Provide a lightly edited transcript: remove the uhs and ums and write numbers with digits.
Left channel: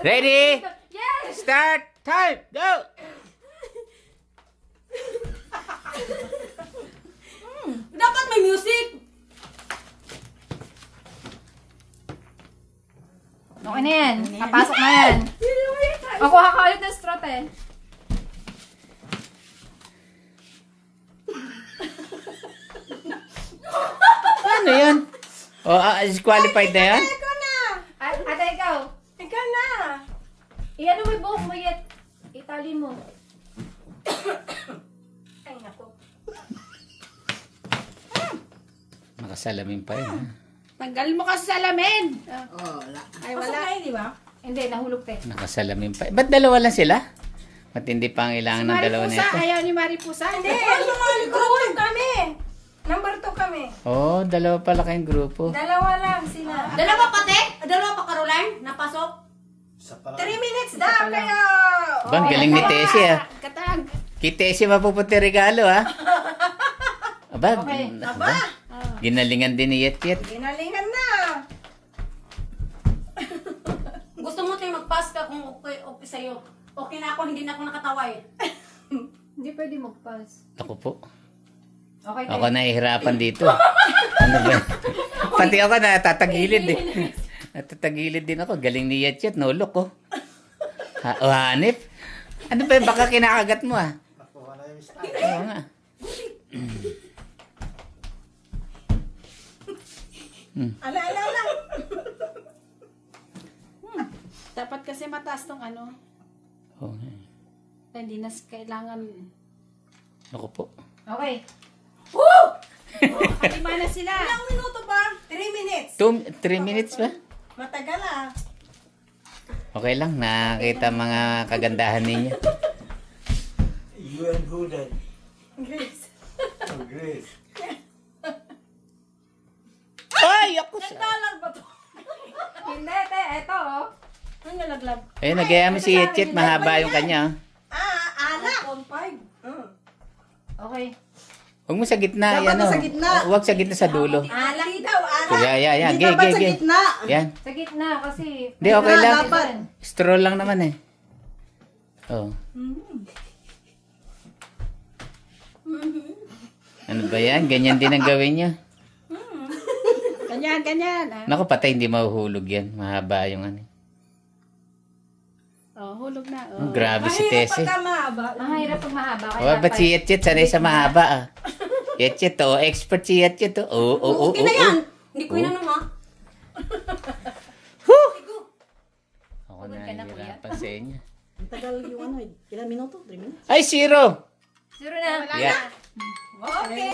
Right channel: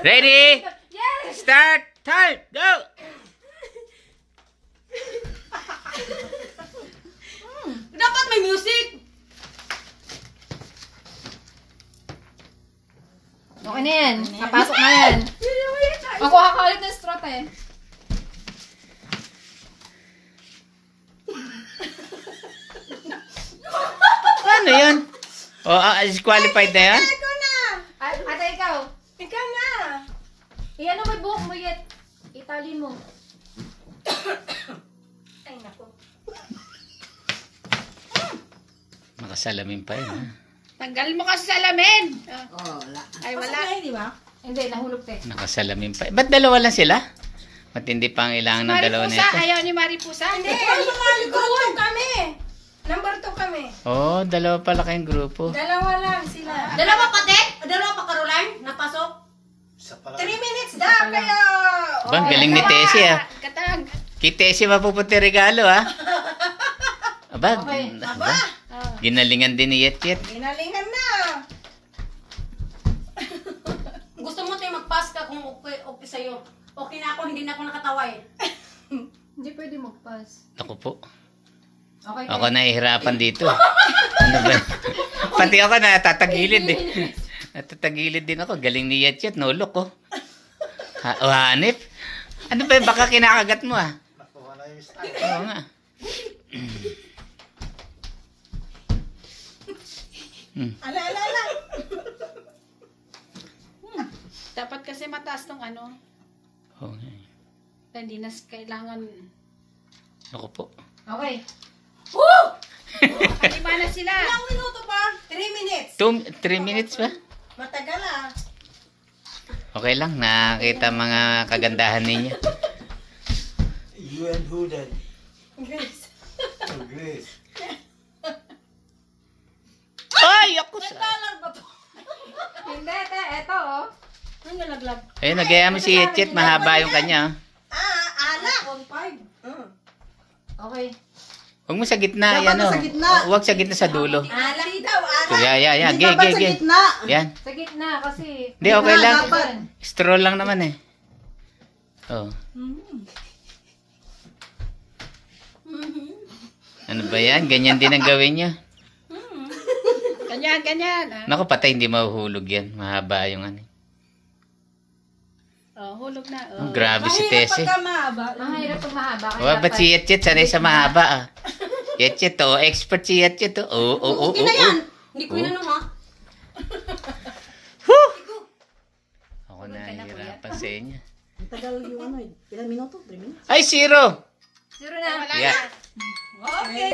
Ready? Yes! Start! Time! Go! Dapat may music! Okay na yan. Papasok na yan. Ako kakalit ng strut eh. Ano yun? Disqualified na yan? Ikaw na! Ate, ikaw. Ikaw na! Iyan mo yung buhok mo yet. Itali mo. Ay, naku. Nakasalamin pa yun, ha? Tanggal mo kasi salamin! Oh, wala. Ay, wala. Di ba? Hindi, nahulog pa eh. Nakasalamin pa. Ba't dalawa lang sila? Matindi pa ang ilangan ng dalawa na ito. Ayaw ni Maripusa. Hindi, number 2 kami. Number 2 kami. Oh, dalawa pala kayong grupo. Dalawa lang sila. Dalawa pa, te? Dalawa pa, Caroline? Napasok? 3 minutes daw, kaya... Bang, galing ni Tessie, ha? Katag. Kay Tessie mapupunti regalo, ha? Aba, Okay. aba. Ginalingan din ni Yet Yet. Ginalingan na. Gusto mo, te, mag-pass ka kung okay sa'yo. Okay na ako, hindi na ako nakatawa eh. Hindi pwede mag-pass. Ako po. Okay, Ako nahihirapan dito. Ano ba? Pati ako natatagilid eh. Natatagilid din ako. Galing ni Yet Yet. No look, oh. Hanip. Ano ba yun? Baka kinakagat mo, ah. Oo nga. Ala. Dapat kasi mataas tong ano. Oo nga. Hindi na kailangan. Ako po. Okay. Lima na sila. Ilang minuto pa? 3 minutes. 3 minutes ba? Matagal ah. Okay lang. Nakakita mga kagandahan ninyo. You and who then? Grace. Oh, Grace. Ay! Ako sa... Talag ba to? Hindi, te. Eto, oh. Ang nalaglag. Ayun, nagaya mo si Yet Yet. Mahaba yung kanya. Ala. On 5. Okay. Huwag mo sa gitna. Dapat Yan, oh. sa gitna. Huwag sa gitna sa dulo. Ala daw, ala. Yan. Hindi dapat sa gitna. Yan. Sa gitna kasi... Hindi, okay lang. Dapat. Stroll lang naman eh. Oh. Ano ba yan? Ganyan din ang gawin niya. Ganyan. Naku, patay, hindi mahuhulog yan. Mahaba yung ano. Oh, hulog na. Oh, Oh. grabe si Tessie. Pagka mahaba. Ang hirap pag mahaba. Oh, ba't si Yet Yet sanay sa mahaba ah? Yet Yet, oh. Expert si Yet Yet, oh. Okay na yan. Hindi ko inanong ha. Ako nahihirapan sa inyo. Tagal yung ano eh. Ilang minuto? 3 minutes? Ay, 0! Zero na. Yeah. Okay.